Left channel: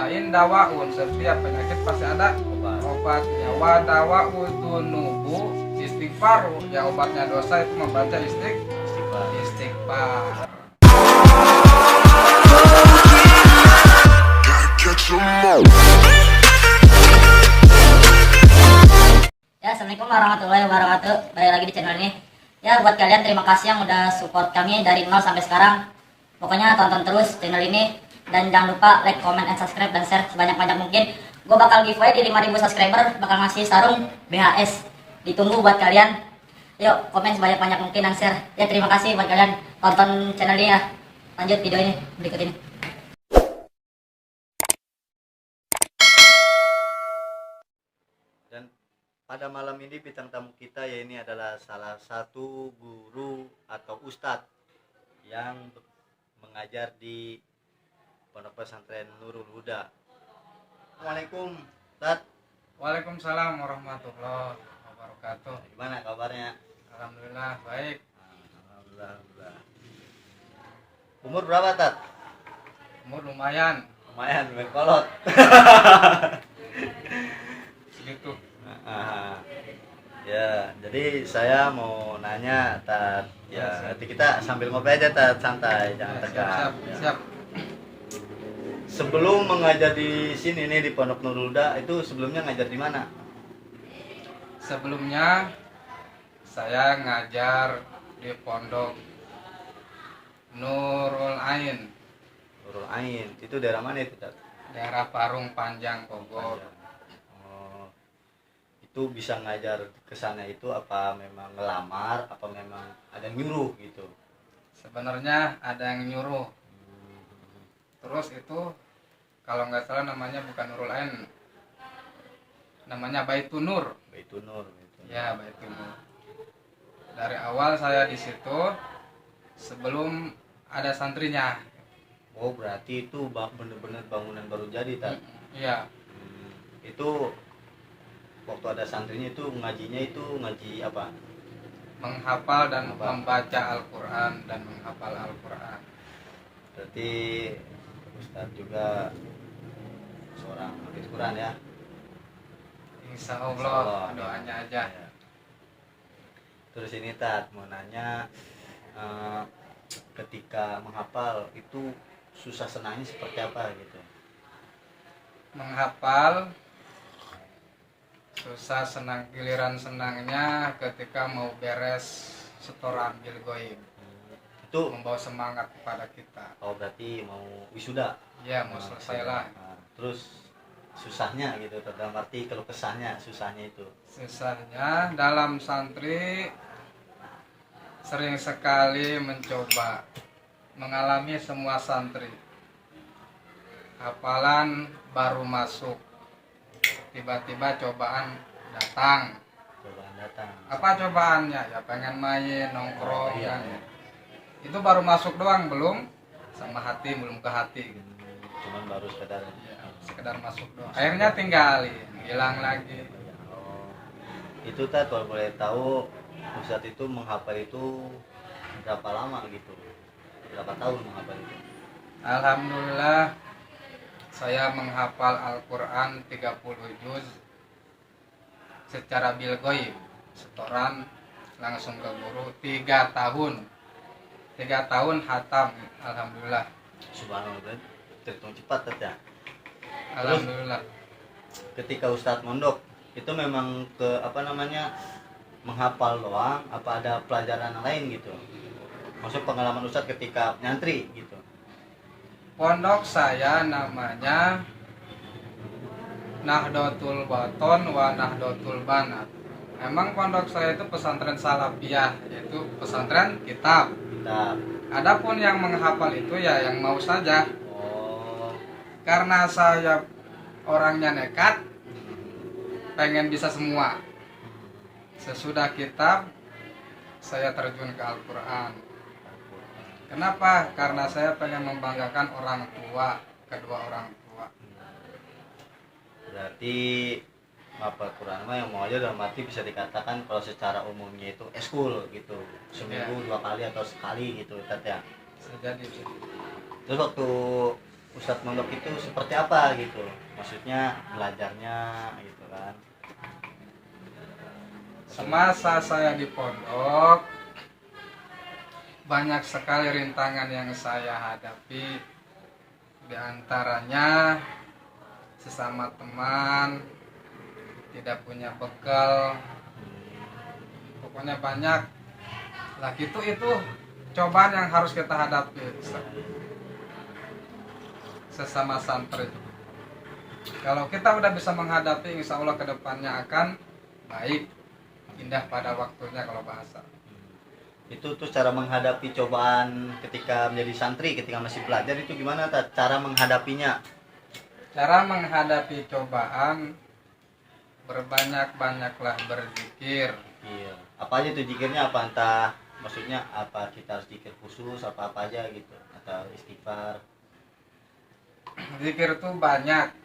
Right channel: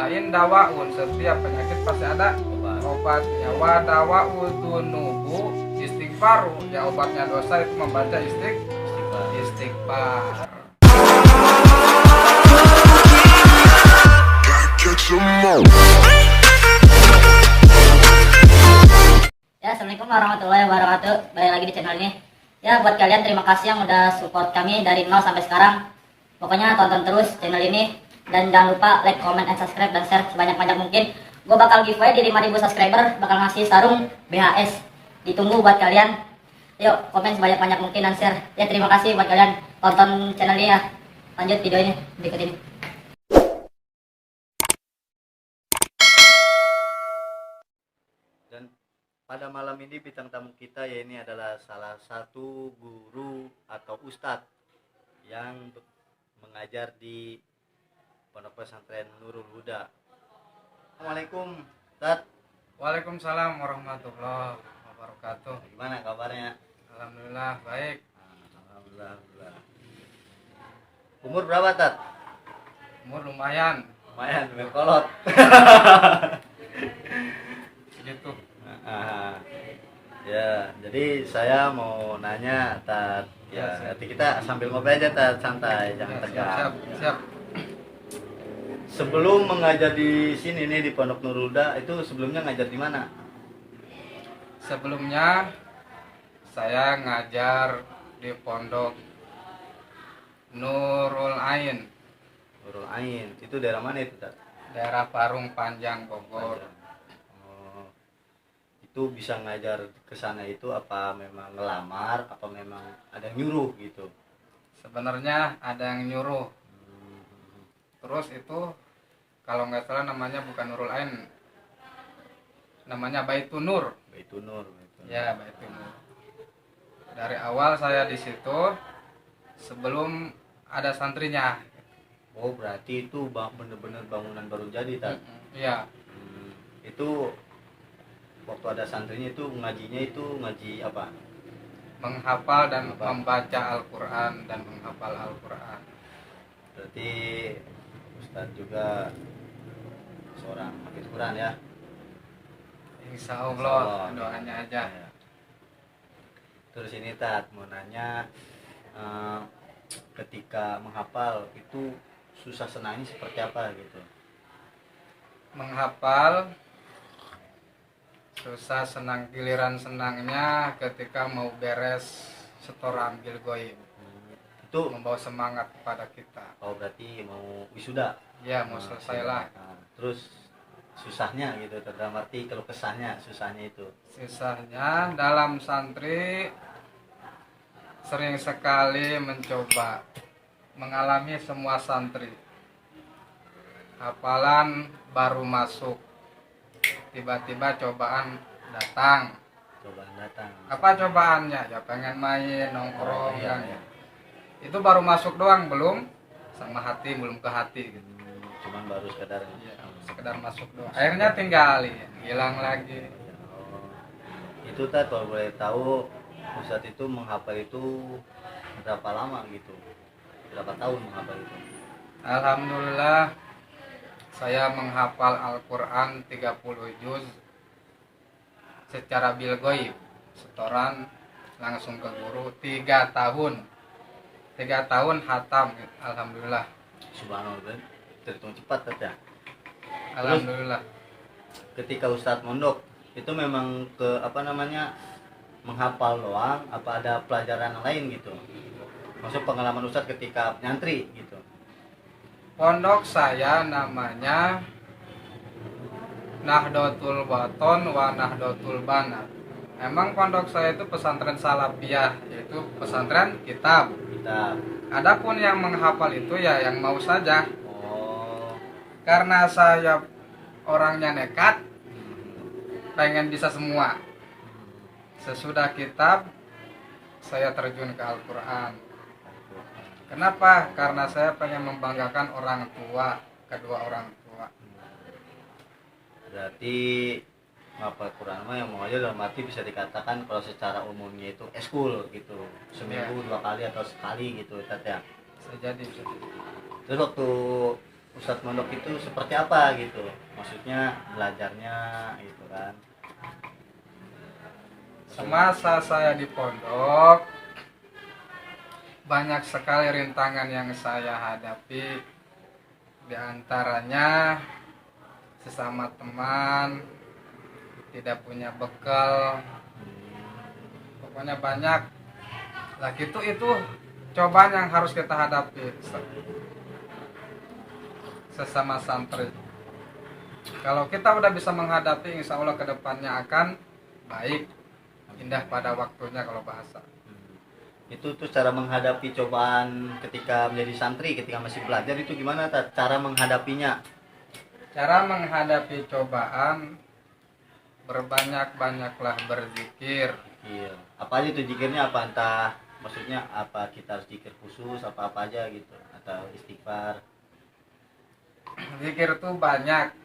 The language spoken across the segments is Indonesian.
lain dawaun, setiap penyakit pasti ada obatnya. Wa dawa'u dzunubu istighfaru, ya obatnya dosa itu membaca istighfar. Ya, assalamualaikum warahmatullahi wabarakatuh. Balik lagi di channel ini. Ya, buat kalian terima kasih yang udah support kami dari 0 sampai sekarang. Pokoknya tonton terus channel ini dan jangan lupa like, comment, and subscribe dan share sebanyak-banyak mungkin. Gue bakal giveaway di 5.000 subscriber, bakal ngasih sarung BHS. Ditunggu buat kalian. Yuk, komen sebanyak-banyak mungkin dan share. Ya, terima kasih buat kalian tonton channel ini ya. Lanjut video ini berikut ini. Dan pada malam ini bintang tamu kita ya ini adalah salah satu guru atau ustadz yang mengajar di Pondok Pesantren Nurul Huda. Assalamualaikum, Ustadz. Waalaikumsalam warahmatullahi wabarakatuh. Gimana kabarnya? Alhamdulillah baik. Alhamdulillah. Umur berapa, Tat? Umur lumayan Lumayan, berkolot. segitu. Ya, jadi saya mau nanya, Tat. Ya, nanti kita sambil ngobrol aja, Tat, santai, jangan tegang. Siap. Sebelum mengajar di sini nih di Pondok Nurul Huda, itu sebelumnya ngajar di mana? Sebelumnya saya ngajar di Pondok Nurul Ain, Nurul Ain. Itu daerah mana itu, Tat? daerah Parung Panjang, Bogor. Oh, itu bisa ngajar ke sana itu apa memang ngelamar, apa memang ada yang nyuruh gitu? Sebenarnya ada yang nyuruh. Terus itu kalau nggak salah namanya bukan Nurul Ain, namanya Baitun Nur. Baitun Nur. Ya, Baitun Nur. Dari awal saya di situ sebelum ada santrinya. Oh, berarti itu bener-bener bangunan baru jadi, Tat? Iya. Itu waktu ada santrinya itu ngajinya itu ngaji apa? Menghafal dan membaca Al-Quran dan menghafal Al-Quran. Berarti Ustadz juga seorang hafiz Quran ya? Insya Allah, doanya aja. Ya. Terus ini, Tat, mau nanya, ketika menghafal itu susah senangnya seperti apa gitu? Menghafal susah senang, giliran senangnya ketika mau beres setoran Bilgoib. Itu Membawa semangat kepada kita. oh berarti mau wisuda? Ya, mau selesai lah. Nah, terus susahnya gitu, dalam arti kalau kesahnya susahnya itu? Susahnya dalam santri sering sekali mencoba, mengalami semua santri. Hafalan baru masuk, tiba-tiba cobaan datang. Cobaan datang. Apa cobaannya? Ya pengen main, nongkrong. Iya. Itu baru masuk doang, belum sama hati, belum ke hati gitu. Cuman baru sekedar Ya, sekedar masuk doang. Akhirnya tinggalin, hilang lagi. Oh, itu, Tat, kalau boleh tahu Ustadz itu menghafal itu berapa lama gitu? Berapa tahun menghafal itu? Alhamdulillah saya menghafal Al-Quran 30 juz secara bilgoib, setoran langsung ke guru 3 tahun. 3 tahun hatam, alhamdulillah. Subhanallah, terhitung cepat, Tat, ya? Alhamdulillah. Ketika Ustadz mondok itu memang ke apa namanya menghafal doang, apa ada pelajaran lain gitu? Maksud pengalaman Ustadz ketika nyantri gitu? Pondok saya namanya Nahdlatul Baton wa Nahdlatul Banat. Memang pondok saya itu pesantren salafiyah, yaitu pesantren kitab. Adapun yang menghafal itu ya yang mau saja. Oh. Karena saya orangnya nekat, pengen bisa semua. Sesudah kitab saya terjun ke Al-Quran. Kenapa? Karena saya pengen membanggakan orang tua, kedua orang tua. Berarti ngapal Quran mah yang mau aja dalam arti bisa dikatakan kalau secara umumnya itu eskul gitu, seminggu 2 kali atau sekali gitu, Tat, ya? Bisa jadi. Terus waktu Ustadz Mondok itu seperti apa gitu, maksudnya belajarnya gitu kan. Semasa saya di pondok, banyak sekali rintangan yang saya hadapi. Di antaranya sesama teman, tidak punya bekal, pokoknya banyak. Lah itu cobaan yang harus kita hadapi sesama santri. Kalau kita udah bisa menghadapi, insya Allah kedepannya akan baik, indah pada waktunya kalau bahasa. Itu tuh cara menghadapi cobaan ketika menjadi santri, ketika masih belajar itu gimana cara menghadapinya? Cara menghadapi cobaan, berbanyak-banyaklah berzikir. Iya. Apa aja tuh zikirnya, apa entah maksudnya apa kita harus zikir khusus apa aja gitu atau istighfar? Zikir tuh banyak.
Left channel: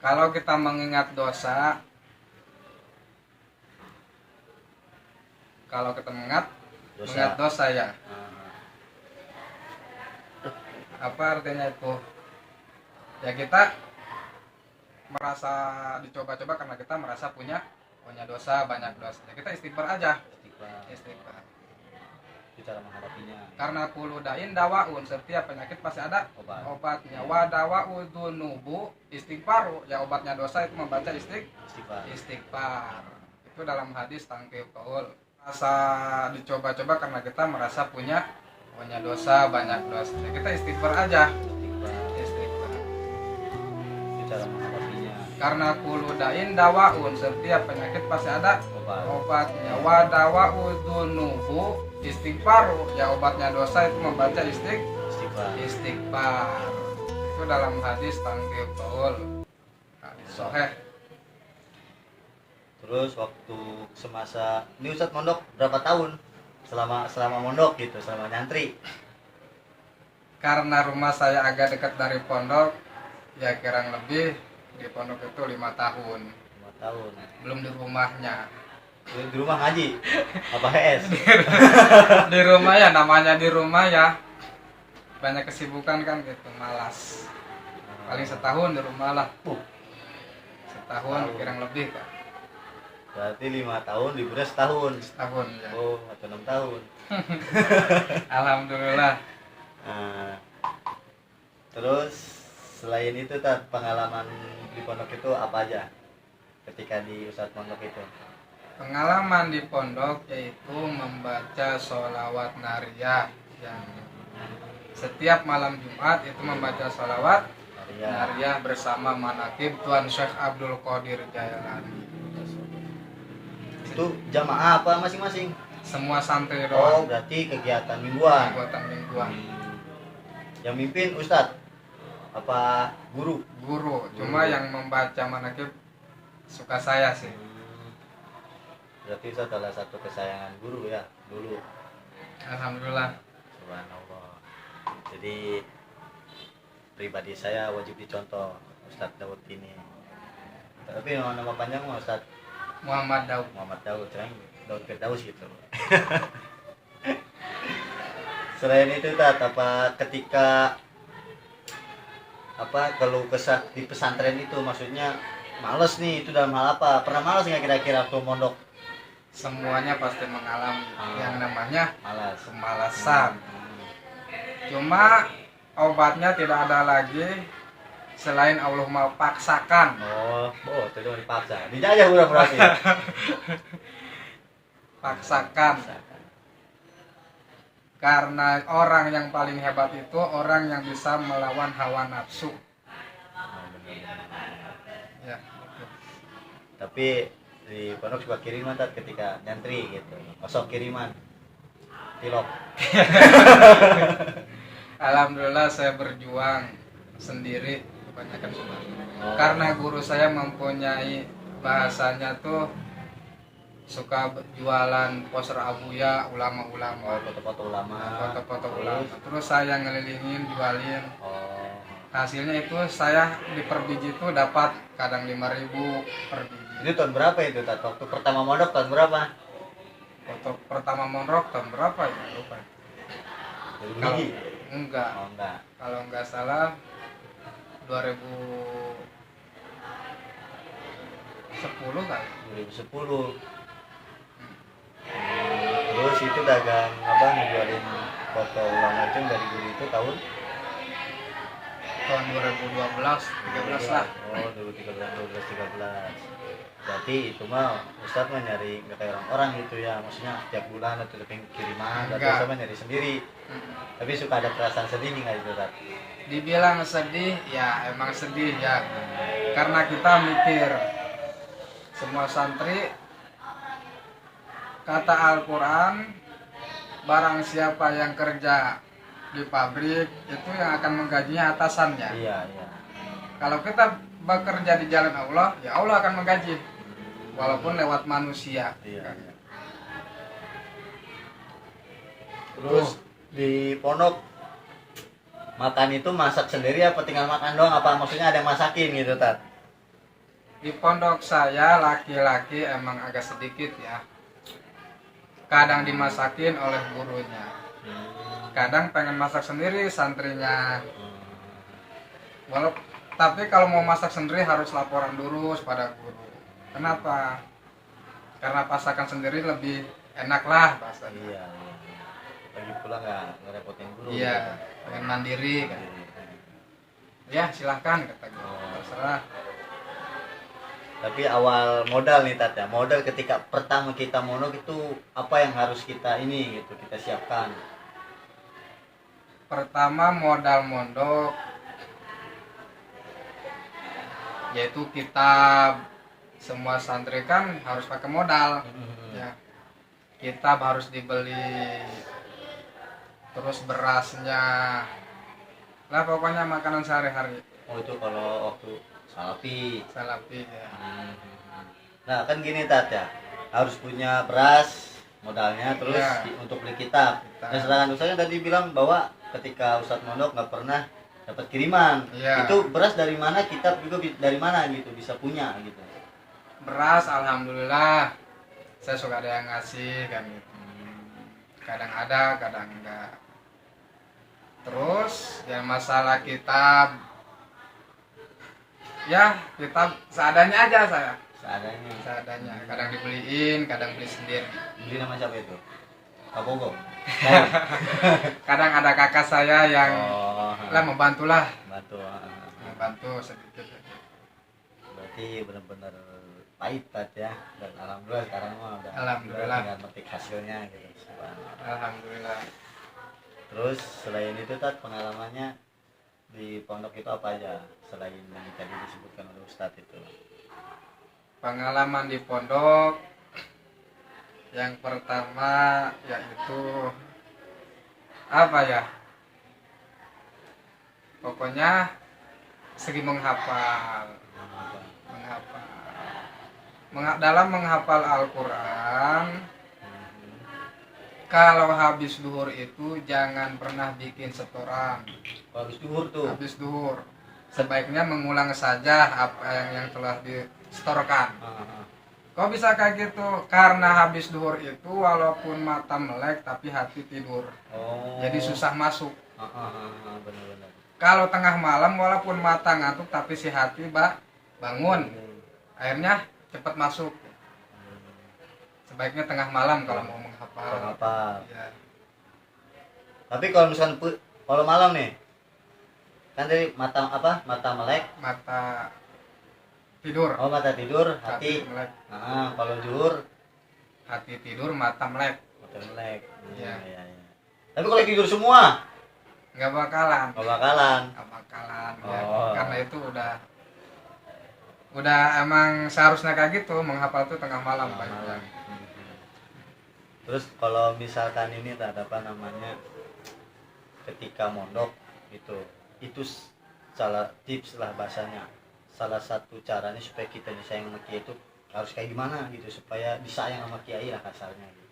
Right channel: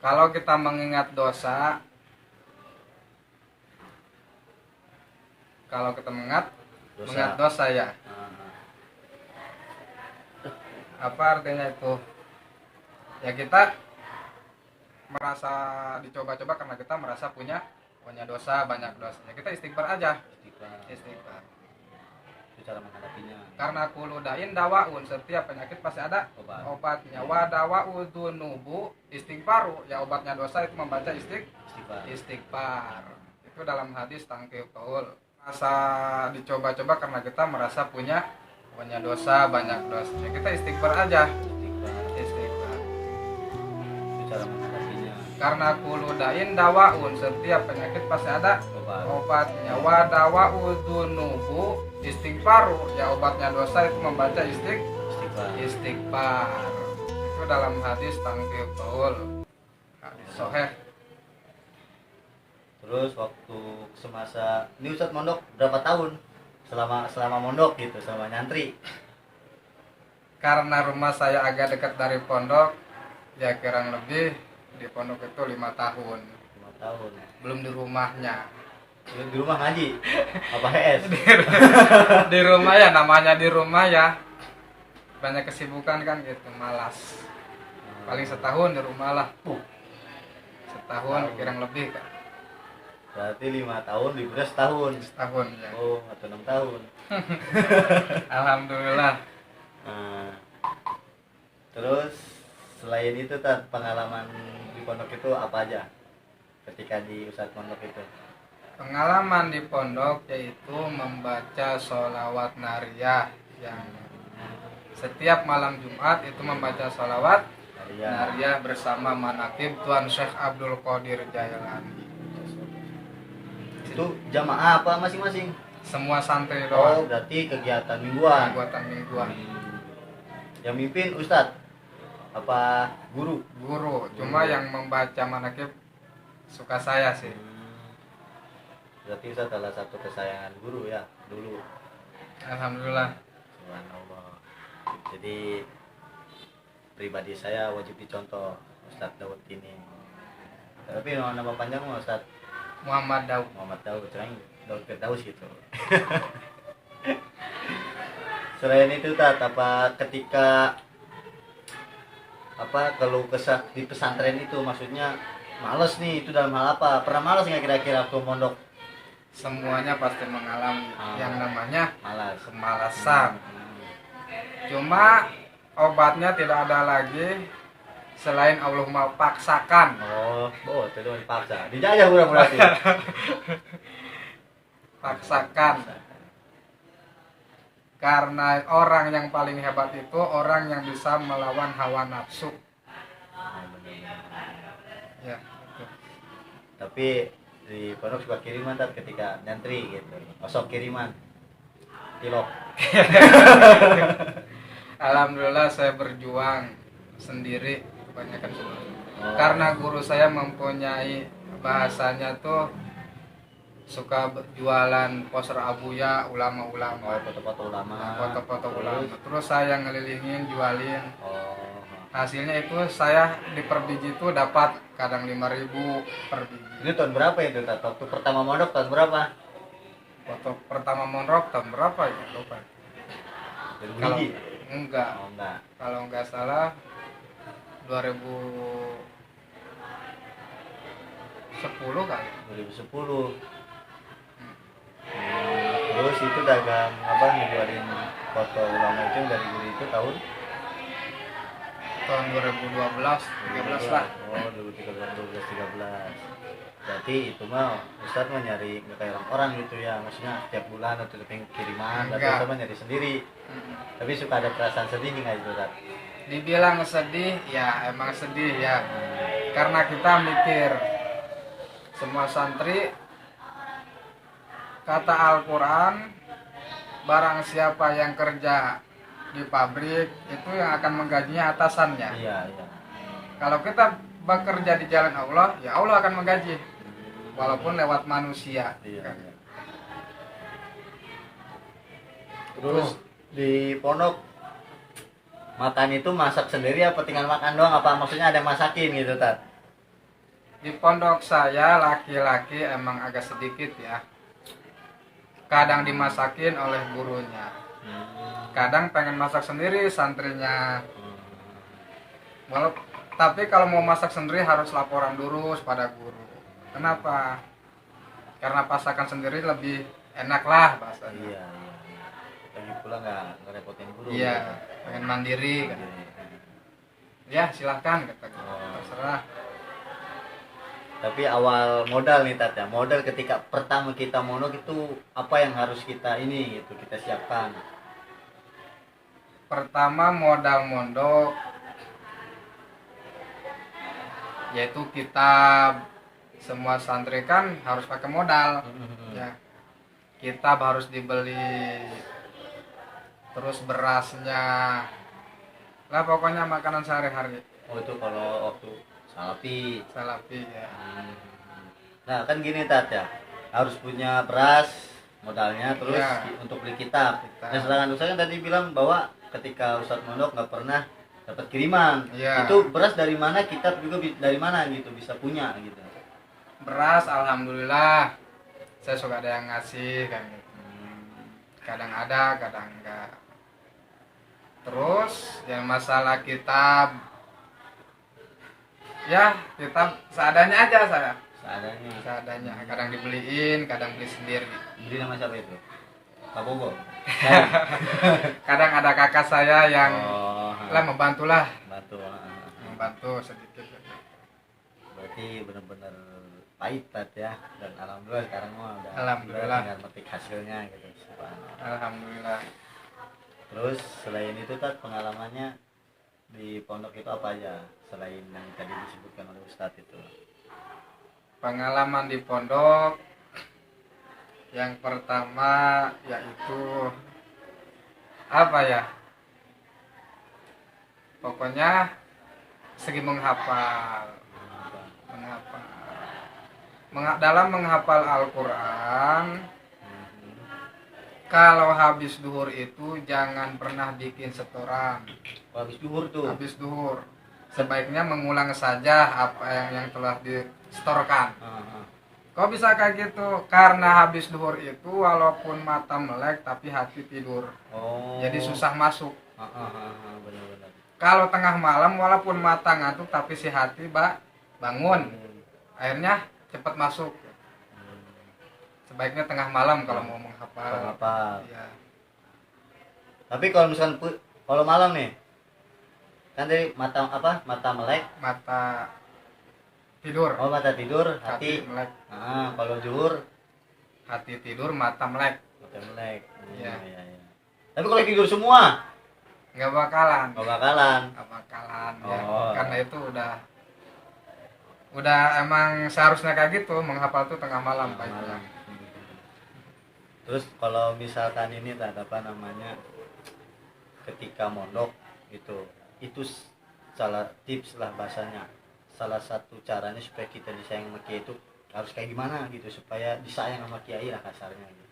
Kalau kita mengingat dosa, kalau kita mengingat dosa ya. Apa artinya itu? Ya kita merasa dicoba-coba karena kita merasa punya dosa, banyak dosa. Ya kita istighfar aja. Istighfar. Itu cara menghadapinya. Karena kullu dain dawaun, setiap penyakit pasti ada obatnya. Wa dawa'u dzunubu istighfaru, ya obatnya dosa itu membaca istighfar. Itu dalam hadis tangkil qaul. Merasa dicoba-coba karena kita merasa punya dosa, banyak dosa. Ya kita istighfar aja. Istighfar. Itu cara menghadapinya. Karena kullu dain dawaun, setiap penyakit pasti ada obatnya. Wa dawa'u dzunubu istighfaru, ya obatnya dosa itu membaca istighfar. Itu dalam hadis tangkil qaul. Hadis sahih. Terus waktu semasa ini Ustadz mondok berapa tahun? Selama mondok gitu, selama nyantri. Karena rumah saya agak dekat dari pondok, ya kurang lebih di pondok itu 5 tahun. 5 tahun. Belum di rumahnya. Di rumah ngaji apa HS? Di rumah ya, namanya di rumah ya. Banyak kesibukan kan gitu, malas. Paling setahun di rumah lah. Setahun kurang lebih kan. Berarti 5 tahun, liburnya setahun Ya. Oh, atau 6 tahun. Alhamdulillah. Nah, terus selain itu pengalaman di pondok itu apa aja ketika di Ustadz Mondok itu? Pengalaman di pondok yaitu membaca sholawat nariyah, yang setiap malam Jumat itu membaca sholawat nariyah bersama manaqib Tuan Syekh Abdul Qadir Jailani. Itu jamaah apa masing-masing? Semua santri Oh, doang. berarti kegiatan mingguan. Mingguan. Yang mimpin Ustadz apa guru? Cuma yang membaca manaqib suka saya sih. Berarti Ustadz salah satu kesayangan guru ya dulu. Alhamdulillah. Subhanallah. Jadi pribadi saya wajib dicontoh Ustadz Daud ini. Tapi nama panjang Ustadz Muhammad Daud, Daud Firdaus gitu. Selain itu apa ketika kalau di pesantren itu maksudnya males nih, itu dalam hal apa? Pernah males nggak kira-kira waktu mondok? Semuanya pasti mengalami yang namanya kemalasan. Cuma obatnya tidak ada lagi selain Allah paksakan. Itu cuma dipaksa. Dijajah berarti. Paksakan. Karena orang yang paling hebat itu orang yang bisa melawan hawa nafsu. Ya. Tapi di pondok suka kiriman ketika nyantri gitu. Masuk kiriman. Tilok. Alhamdulillah saya berjuang sendiri kebanyakan semua. Karena guru saya mempunyai bahasanya tuh suka jualan poster abuya ulama-ulama. Foto-foto ulama. Foto-foto ulama. Terus saya ngelilingin, jualin. Hasilnya itu saya di per biji itu dapat kadang 5.000 per biji. Itu tahun berapa itu? Waktu pertama mondok tahun berapa? Waktu pertama mondok tahun berapa ya? Lupa. Kalau Enggak. Oh enggak. Kalau nggak salah 2010 kali. 2010. Terus itu dagang apa ngejualin foto ulama itu dari guru itu tahun Tahun 2012, 13 lah. Oh 2013, 12, 13. Berarti itu mah Ustadz mah nyari nggak kayak orang-orang gitu ya, maksudnya tiap bulan atau tiap minggu kiriman, tapi Enggak. Ustadz mah nyari sendiri. Tapi suka ada perasaan sedih nih nggak itu Ustadz? Dibilang sedih, ya emang sedih ya. Karena kita mikir semua santri kata Al-Quran, barang siapa yang kerja di pabrik itu yang akan menggajinya atasannya. Iya, iya. Kalau kita bekerja di jalan Allah, ya Allah akan menggaji walaupun lewat manusia. Iya, Kan? iya. Terus di pondok makan itu masak sendiri apa tinggal makan doang, apa maksudnya ada yang masakin gitu Tat? Di pondok saya laki-laki emang agak sedikit ya. Kadang dimasakin oleh gurunya. Kadang pengen masak sendiri santrinya. Tapi kalau mau masak sendiri harus laporan dulu pada guru. Kenapa? Karena masakan sendiri lebih enak lah bahasanya. Iya, iya. Lagi pula nggak repotin guru. Iya, gitu. pengen mandiri kan. Ya silahkan kata guru. Terserah. Tapi awal modal nih Tat ya, modal ketika pertama kita mondok itu apa yang harus kita ini gitu kita siapkan? Pertama modal mondok yaitu kitab. Semua santri kan harus pakai modal ya. Kitab harus dibeli, terus berasnya lah, pokoknya makanan sehari-hari. Oh itu kalau waktu salapi Ya. Nah kan gini Tat ya, harus punya beras modalnya, terus Iya. untuk beli kitab. Dan sedangkan Ustaz kan tadi bilang bahwa ketika Ustaz mondok nggak pernah dapat kiriman. Iya. Itu beras dari mana, kitab juga dari mana gitu bisa punya gitu. Beras alhamdulillah saya suka ada yang ngasih kan gitu. Kadang ada kadang enggak. Terus yang masalah kitab, ya kitab seadanya aja saya. Seadanya. Kadang dibeliin, kadang beli sendiri. Beli nama siapa itu? Kak Bogo. Kadang ada kakak saya yang lah Bantu. membantu sedikit. Berarti benar-benar pahit Tat ya, dan alhamdulillah sekarang mah udah Alhamdulillah. tinggal metik hasilnya gitu. Subhanallah. Alhamdulillah. Terus selain itu Tat, pengalamannya di pondok itu apa aja selain yang tadi disebutkan oleh Ustadz itu? Pengalaman di pondok yang pertama yaitu apa ya? Pokoknya segi menghafal. Dalam menghafal Al-Quran, kalau habis duhur itu jangan pernah bikin setoran. Habis duhur tuh? Habis duhur sebaiknya mengulang saja apa yang telah disetorkan. Kok bisa kayak gitu? Karena habis duhur itu walaupun mata melek tapi hati tidur. Jadi susah masuk. Benar-benar. Kalau tengah malam walaupun mata ngantuk tapi si hati bangun. Akhirnya cepat masuk. Sebaiknya tengah malam kalau mau menghafal. Ya. Tapi kalau misalkan kalau malam nih, kan dari mata melek, Mata tidur. Oh mata tidur, hati melek. Kalau zuhur, Hati tidur, mata melek. mata melek. Iya. Ya. Tapi kalau tidur semua, Nggak bakalan. Ya. Karena itu udah emang seharusnya kayak gitu, menghafal tuh tengah malam. Terus kalau misalkan ini tak apa namanya, ketika mondok itu salah tips lah bahasanya, salah satu caranya supaya kita disayang sama kiai itu harus kayak gimana gitu, supaya disayang sama kiai lah kasarnya gitu.